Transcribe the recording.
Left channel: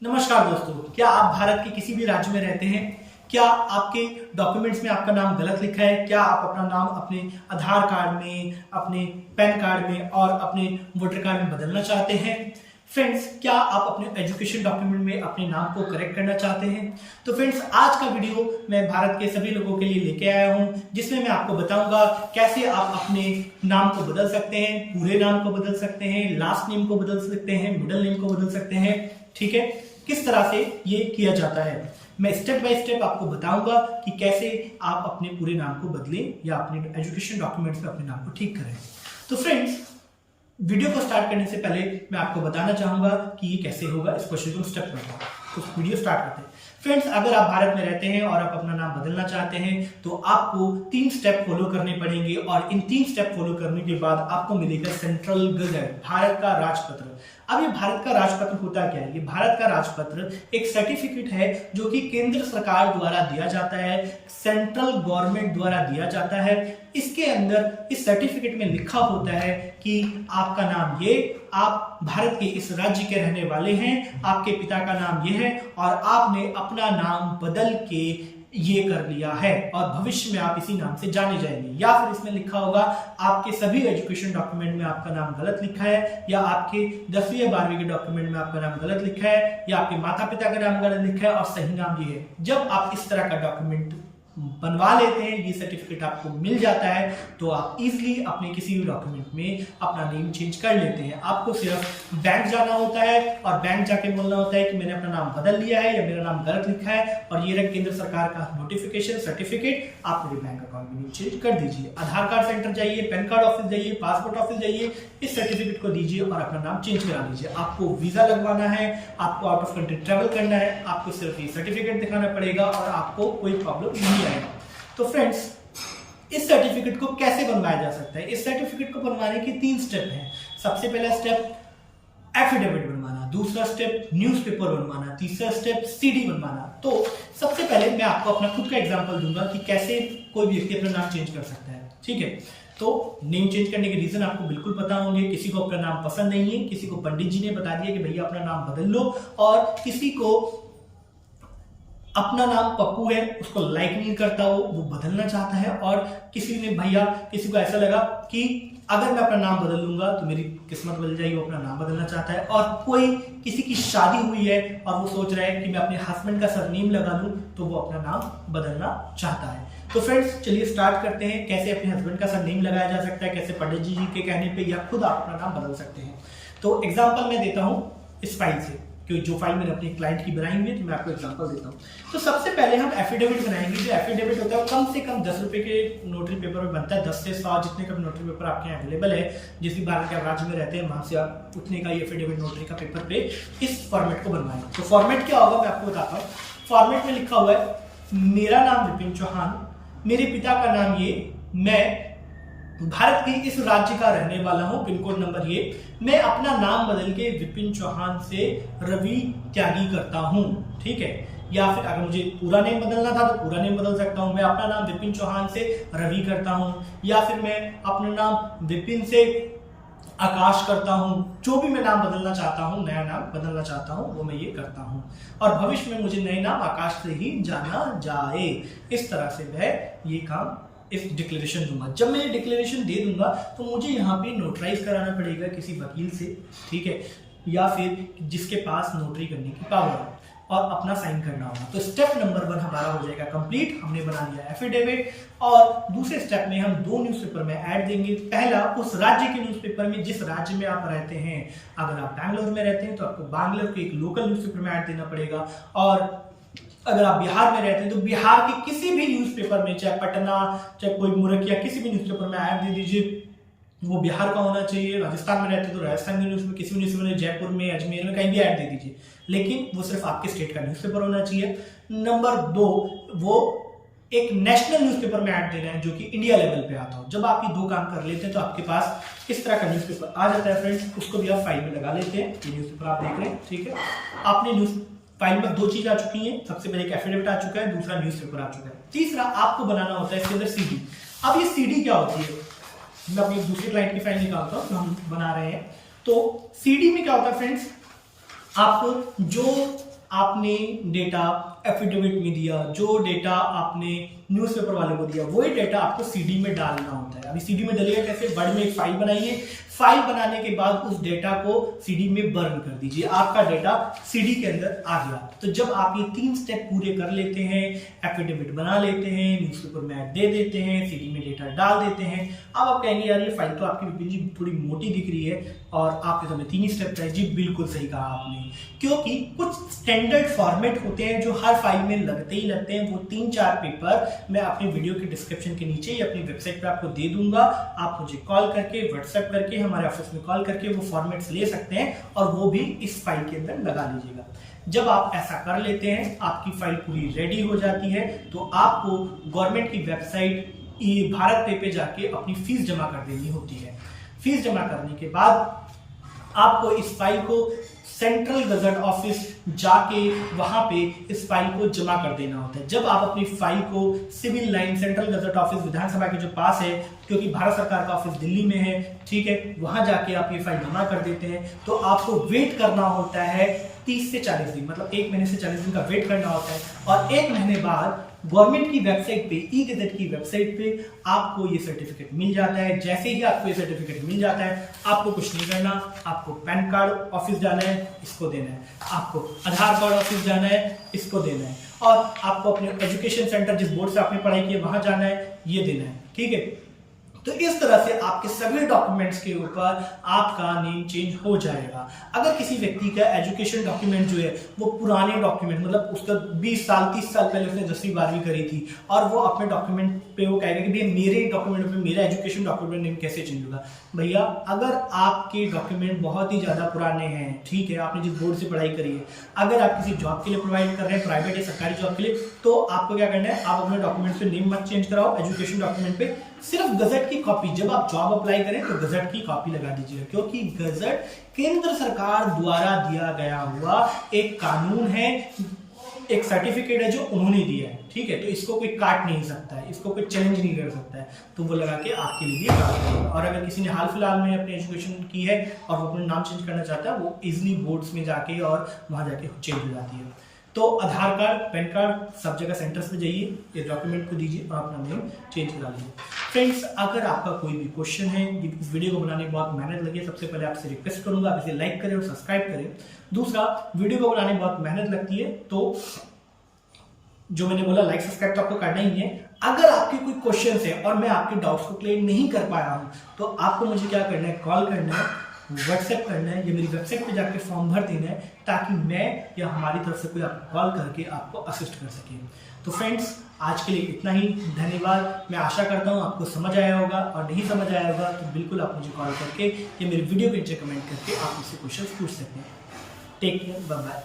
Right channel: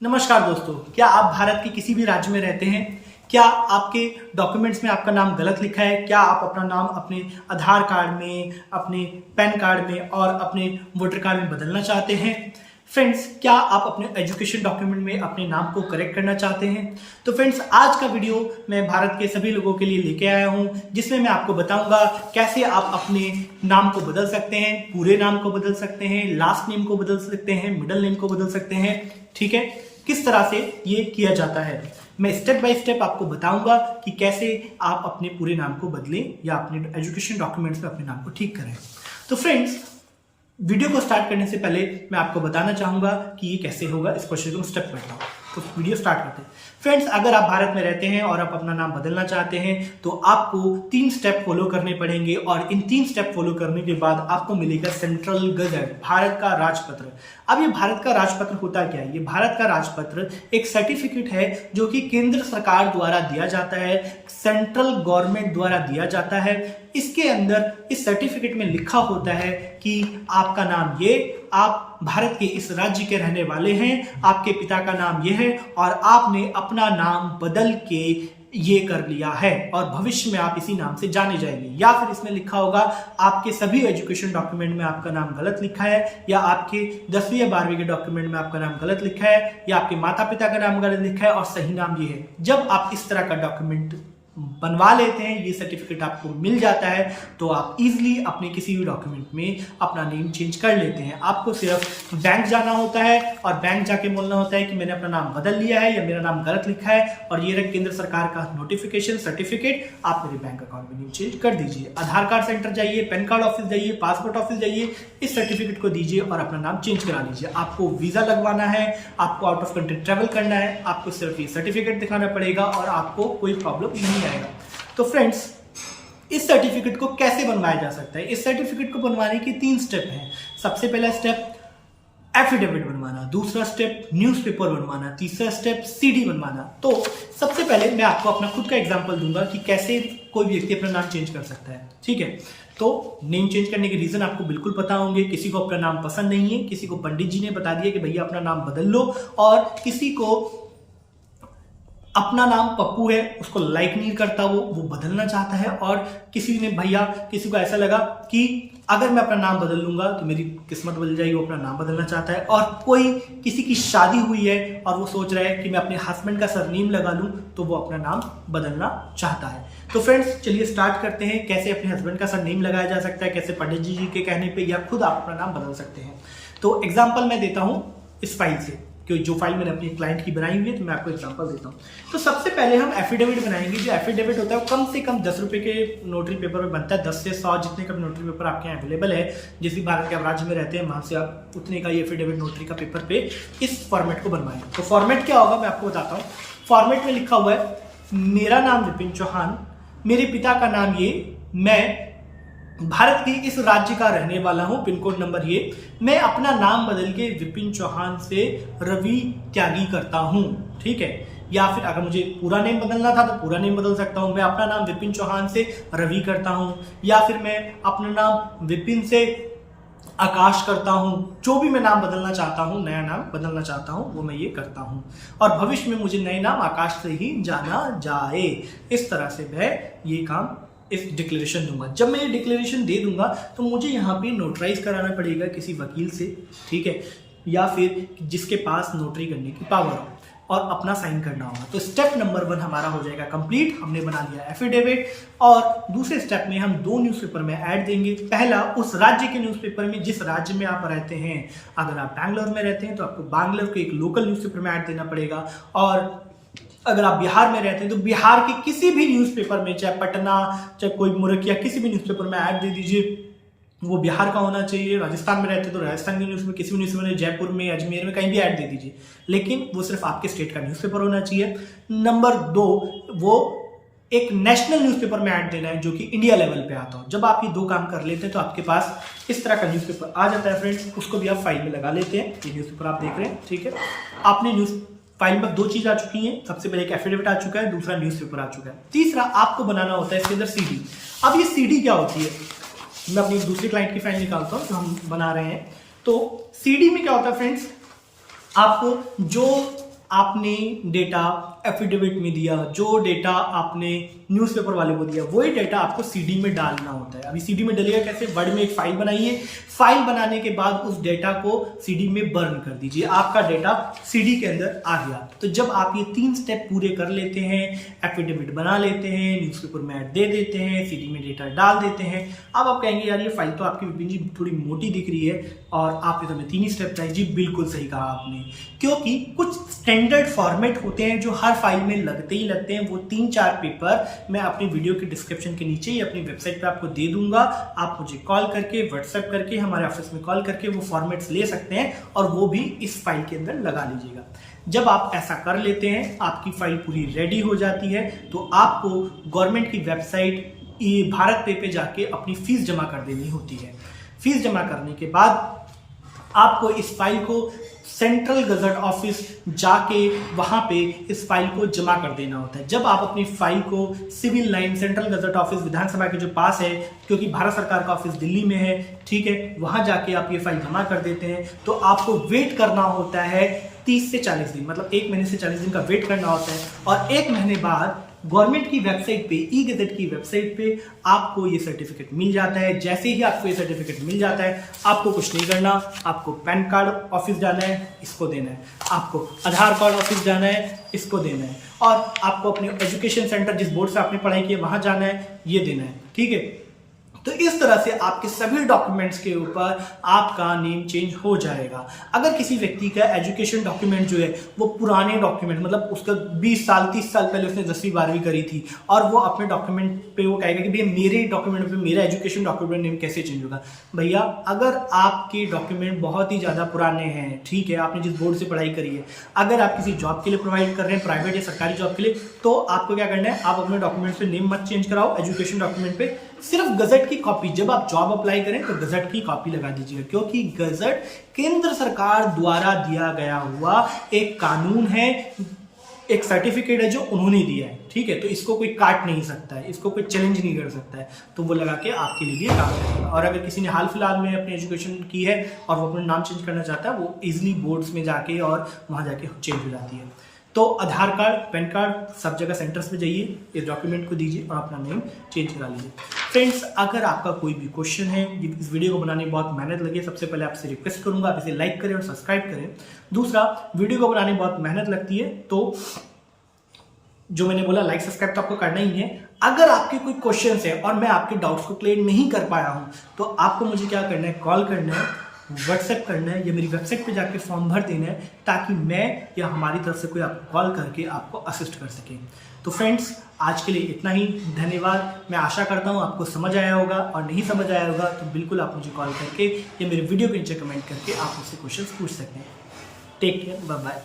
नमस्कार दोस्तों, क्या आप भारत के किसी भी राज्य में रहते हैं? क्या आपके डॉक्यूमेंट्स में आपका नाम गलत लिखा है? क्या आप अपना नाम अपने आधार कार्ड में, अपने पैन कार्ड में और अपने वोटर कार्ड में बदलना चाहते हैं? फ्रेंड्स, क्या आप अपने एजुकेशन डॉक्यूमेंट में अपने नाम को करेक्ट करना चाहते हैं? तो फ्रेंड्स, आज का वीडियो मैं भारत के सभी लोगों के लिए लेके आया हूं, जिसमें मैं आपको बताऊंगा कैसे आप अपने नाम को बदल सकते हैं, पूरे नाम को बदल सकते हैं, लास्ट नेम को बदल सकते हैं, मिडिल नेम को बदल सकते हैं। ठीक है, किस तरह से ये किया जाता है मैं स्टेप बाय स्टेप आपको बताऊंगा कि कैसे आप अपने पूरे नाम को बदलें या अपने एजुकेशन डॉक्यूमेंट्स में अपने नाम को ठीक करें। तो फ्रेंड्स, वीडियो को स्टार्ट करने से पहले मैं आपको बताना चाहूंगा कि ये कैसे होगा। इस प्रोसेस को स्टेप बाय स्टेप तो वीडियो स्टार्ट करते हैं। फ्रेंड्स, अगर आप भारत में रहते हैं और आप अपना नाम बदलना चाहते हैं तो आपको 3 स्टेप फॉलो करने पड़ेंगे और इन 3 स्टेप फॉलो करने के बाद आपको मिलेगा सेंट्रल गजट, भारत का राजपत्र। अब ये भारत का राजपत्र होता क्या है? ये भारत का राजपत्र एक सर्टिफिकेट है जो कि केंद्र सरकार द्वारा दिया जाता है, सेंट्रल गवर्नमेंट द्वारा दिया जाता है। इसके अंदर इस सर्टिफिकेट में लिखा होता है कि आपका नाम ये, आप भारत के इस राज्य के रहने वाले हैं, आपके पिता का नाम ये है और आपने अपना नाम बदल के ये कर लिया है और भविष्य में आप इसी नाम से जाने जाएंगे। या फिर इसमें लिखा होगा आपके सभी एजुकेशन डॉक्यूमेंट में आपका नाम गलत लिखा है, या आपके 10वीं या 12वीं के डॉक्यूमेंट में आपका नाम गलत लिखा है, या आपके माता पिता का नाम गलत लिखा है और सही नाम ये है। जब आप इस तरह का डॉक्यूमेंट बनवा लेते हैं, ये सर्टिफिकेट आपको मिल जाता है, तो आप इजीली अपने किसी भी डॉक्यूमेंट में अपना नेम चेंज कर लेते हैं। आपको सिर्फ बैंक जाना होता है और बैंक जाके बोलना होता है कि मैंने अपना नाम बदल लिया है या मेरा नाम गलत लिखा है और ये रहा केंद्र सरकार का नोटिफिकेशन सर्टिफिकेट, आप मेरे बैंक अकाउंट में नेम चेंज कर दीजिए। आधार कार्ड सेंटर जाइए, पैन कार्ड ऑफिस जाइए, पासपोर्ट ऑफिस जाइए, इस सर्टिफिकेट को दीजिए और अपना नाम चेंज करा लीजिए। आपको वीजा लगवाना है, आपको आउट ऑफ कंट्री ट्रेवल करना है, आपको सिर्फ ये सर्टिफिकेट दिखाना पड़ेगा और आपको कोई प्रॉब्लम नहीं आएगा। तो फ्रेंड्स, इस सर्टिफिकेट को कैसे बनवाया जा सकता है? इस सर्टिफिकेट को बनवाने की 3 स्टेप हैं। सबसे पहला स्टेप एफिडेविट बनवाना, दूसरा स्टेप न्यूज़पेपर बनवाना, तीसरा स्टेप सीडी बनवाना। तो सबसे पहले मैं आपको अपना खुद का एग्जांपल दूंगा कि कैसे कोई व्यक्ति अपना नाम चेंज कर सकता है। ठीक है, तो नेम चेंज करने के रीजन आपको बिल्कुल पता होंगे। किसी को अपना नाम पसंद नहीं है, किसी को पंडित जी ने बता दिया कि भैया अपना नाम बदल लो, और किसी को अपना नाम पप्पू है, उसको लाइक नहीं करता, वो बदलना चाहता है, और किसी ने भैया किसी को ऐसा लगा कि अगर मैं अपना नाम बदल लूंगा तो मेरी किस्मत बदल जाएगी, वो अपना नाम बदलना चाहता है। और कोई किसी की शादी हुई है और वो सोच रहा है कि मैं अपने हस्बैंड का सरनेम लगा लूं, तो वो अपना नाम बदलना चाहता है। तो फ्रेंड्स, चलिए स्टार्ट करते हैं कैसे अपने हस्बैंड का सरनेम लगाया जा सकता है, कैसे पंडित जी के कहने पे या खुद आप अपना नाम बदल सकते हैं। तो एग्जाम्पल मैं देता हूं इस फाइल से, जो फाइल मैंने अपनी क्लाइंट की बनाई हुई है, तो मैं आपको एग्जांपल देता हूँ। तो सबसे पहले हम एफिडेविट बनाएंगे। जो एफिडेविट होता है कम से कम 10 रुपए के नोटरी पेपर में बनता है। 10 से 100 जितने का नोटरी पेपर आपके यहाँ अवेलेबल है, जिस भी भारत के आप राज्य में रहते हैं वहां से आप उतने का ये एफिडेविट नोटरी का पेपर पे इस फॉर्मेट को बनवाएंगे। तो फॉर्मेट क्या होगा मैं आपको बताता हूँ। फॉर्मेट में लिखा हुआ है मेरा नाम विपिन चौहान, मेरे पिता का नाम ये, मैं भारत के इस राज्य का रहने वाला हूं, पिन कोड नंबर ये, मैं अपना नाम बदल के विपिन चौहान से रवि त्यागी करता हूं। ठीक है, या फिर अगर मुझे पूरा नेम बदलना था तो पूरा नेम बदल सकता हूं। मैं अपना नाम विपिन चौहान से रवि करता हूं, या फिर मैं अपना नाम विपिन से आकाश करता हूं। जो भी मैं नाम बदलना चाहता हूं, नया नाम बदलना चाहता हूं, वो मैं ये करता हूं और भविष्य में मुझे नए नाम आकाश से ही जाना जाए। इस तरह से मैं ये काम इस डिक्लेरेशन दूंगा। जब मैं ये डिक्लेरेशन दे दूंगा तो मुझे यहाँ पे नोटराइज कराना पड़ेगा किसी वकील से, ठीक है, या फिर जिसके पास नोटरी करने की पावर हो, और अपना साइन करना होगा। तो स्टेप नंबर 1 हमारा हो जाएगा कंप्लीट। हमने बना लिया एफिडेविट, और दूसरे स्टेप में हम 2 न्यूज़पेपर में ऐड देंगे। पहला उस राज्य के न्यूज़पेपर में जिस राज्य में आप रहते हैं। अगर आप बैंगलोर में रहते हैं तो आपको बैंगलोर के एक लोकल न्यूज़पेपर में ऐड देना पड़ेगा, और अगर आप बिहार में रहते हैं तो बिहार के किसी भी न्यूज़पेपर में, चाहे पटना, चाहे कोई मुरकिया, किसी भी न्यूज़पेपर में ऐड दे दीजिए। वो बिहार का होना चाहिए। राजस्थान में रहते हैं तो राजस्थान के न्यूज़ में, किसी भी न्यूज़पेपर में, जयपुर में, अजमेर में, कहीं भी ऐड दे दीजिए, लेकिन वो सिर्फ आपके स्टेट का न्यूज़पेपर होना चाहिए। नंबर 2, वो एक नेशनल न्यूज़पेपर में ऐड देना है जो कि इंडिया लेवल पे आता हो। जब आप ये 2 काम कर लेते हैं तो आपके पास इस तरह का न्यूज़पेपर आ जाता है। फ्रेंड्स, उसको भी आप फाइल में लगा लेते हैं। ये न्यूज़पेपर आप देख रहे हैं, ठीक है। आपने न्यूज़ फाइल में 2 चीज आ चुकी हैं। सबसे पहले एक एफिडेविट आ चुका है, दूसरा न्यूज़पेपर आ चुका है। तीसरा आपको बनाना होता है इसके अंदर सीडी। अब ये सीडी क्या होती है? मैं अपनी दूसरी क्लाइंट की फाइल निकालता हूं जो हम बना रहे हैं। तो सीडी में क्या होता है फ्रेंड्स, आपको जो आपने डेटा एफिडेविट में दिया, जो डेटा आपने न्यूज़पेपर वाले को दिया, वही डेटा आपको सीडी में डालना होता है। अभी सीडी में डलेगा कैसे? वर्ड में एक फाइल बनाइए, फाइल बनाने के बाद उस डेटा को सीडी में बर्न कर दीजिए, आपका डेटा सीडी के अंदर आ गया। तो जब आप ये 3 स्टेप पूरे कर लेते हैं, एफिडेविट बना लेते हैं, न्यूज़पेपर में ऐड दे देते हैं, सीडी में डेटा डाल देते हैं, अब आप कहेंगे यार ये फाइल तो आपकी विपिन जी थोड़ी मोटी दिख रही है और आपके समय 3 ही स्टेप चाहिए। जी बिल्कुल सही कहा आपने, क्योंकि कुछ स्टैंडर्ड फॉर्मेट होते हैं जो हर फाइल में लगते ही लगते हैं। वो 3-4 पेपर मैं अपने वीडियो के डिस्क्रिप्शन के नीचे या अपनी वेबसाइट पे आपको दे दूंगा। आप मुझे कॉल करके, व्हाट्सएप करके, हमारे ऑफिस में कॉल करके वो फॉर्मेट्स ले सकते हैं और वो भी इस फाइल के अंदर लगा लीजिएगा। जब आप ऐसा कर लेते हैं, आपकी फाइल पूरी रेडी हो जाती है, तो आपको गवर्नमेंट की वेबसाइट भारत पे जाके अपनी फीस जमा कर देनी होती है। फीस जमा करने के बाद आपको इस फाइल को सेंट्रल गजट ऑफिस जाके वहां पे इस फाइल को जमा कर देना होता है। जब आप अपनी फाइल को civil line central gazette office Vidhansabha के जो पास है, क्योंकि भारत सरकार का ऑफिस दिल्ली में है, ठीक है, वहां जाके आप ये फाइल जमा कर देते हैं, तो आपको वेट करना होता है 30 से 40 दिन, मतलब 1 महीने से 40 दिन का वेट करना होता है। और 1 महीने बाद गवर्नमेंट की वेबसाइट पे, ई गजट की वेबसाइट पे आपको ये सर्टिफिकेट मिल जाता है। जैसे ही आपको ये सर्टिफिकेट मिल जाता है, आपको कुछ नहीं करना, आपको पैन कार्ड ऑफिस जाना है, इसको देना है, आपको आधार कार्ड ऑफिस जाना है, इसको देना है, और आपको अपने एजुकेशन सेंटर जिस बोर्ड से आपने पढ़ाई की है वहां जाना है, ये देना है, ठीक है। तो इस तरह से आपके सभी डॉक्यूमेंट्स के ऊपर आपका नेम चेंज हो जाएगा। अगर किसी व्यक्ति का एजुकेशन डॉक्यूमेंट जो है वो पुराने डॉक्यूमेंट, मतलब उसका 20 साल 30 साल पहले उसने 10वीं 12वीं करी थी, और वो अपने डॉक्यूमेंट पे वो कहेगा कि भैया मेरे डॉक्यूमेंट पे मेरा एजुकेशन डॉक्यूमेंट नेम कैसे चेंज होगा। भैया अगर आपके डॉक्यूमेंट बहुत ही ज्यादा पुराने हैं, ठीक है, आपने जिस बोर्ड से पढ़ाई करी है, अगर आप किसी जॉब के लिए प्रोवाइड कर रहे हैं, प्राइवेट या सरकारी जॉब के लिए, तो आपको क्या करना है, आप अपने डॉक्यूमेंट पे नेम मत चेंज कराओ, एजुकेशन डॉक्यूमेंट पे सिर्फ गजट की कॉपी, जब आप जॉब अप्लाई करें तो गजट की कॉपी लगा दीजिएगा, क्योंकि गजट केंद्र सरकार द्वारा दिया गया हुआ एक कानून है, एक सर्टिफिकेट है जो उन्होंने दिया है, ठीक है। तो इसको कोई काट नहीं सकता है, इसको कोई चैलेंज नहीं कर सकता है, तो वो लगा के आपके लिए काम करेगा। और अगर किसी ने हाल फिलहाल में अपनी एजुकेशन की है और वो अपना नाम चेंज करना चाहता है, वो इजिली बोर्ड्स में जाके और वहां जाके चेंज हो जाती है। तो आधार कार्ड, पैन कार्ड, सब जगह सेंटर्स पे जाइए, ये डॉक्यूमेंट को दीजिए और अपना नेम चेंज करा लीजिए। फ्रेंड्स, अगर आपका कोई भी क्वेश्चन है, इस वीडियो को बनाने में बहुत मेहनत लगी, सबसे पहले आपसे रिक्वेस्ट करूंगा आप इसे लाइक करें और सब्सक्राइब करें। दूसरा, वीडियो को बनाने में बहुत मेहनत लगती है, तो जो मैंने बोला लाइक सब्सक्राइब तो आपको करना ही है। अगर आपके कोई क्वेश्चन है और मैं आपके डाउट्स को क्लियर नहीं कर पाया हूं, तो आपको मुझे क्या करना है, कॉल करना है, व्हाट्सएप करना है, या मेरी वेबसाइट पे जाके फॉर्म भर देना है, ताकि मैं या हमारी तरफ से कोई आपको कॉल करके आपको असिस्ट कर सके। तो फ्रेंड्स, आज के लिए इतना ही, धन्यवाद। मैं आशा करता हूँ आपको समझ आया होगा, और नहीं समझ आया होगा तो बिल्कुल आप मुझे कॉल करके या मेरे वीडियो के नीचे कमेंट करके आप मुझसे क्वेश्चन पूछ सकते हैं। Take care, bye bye.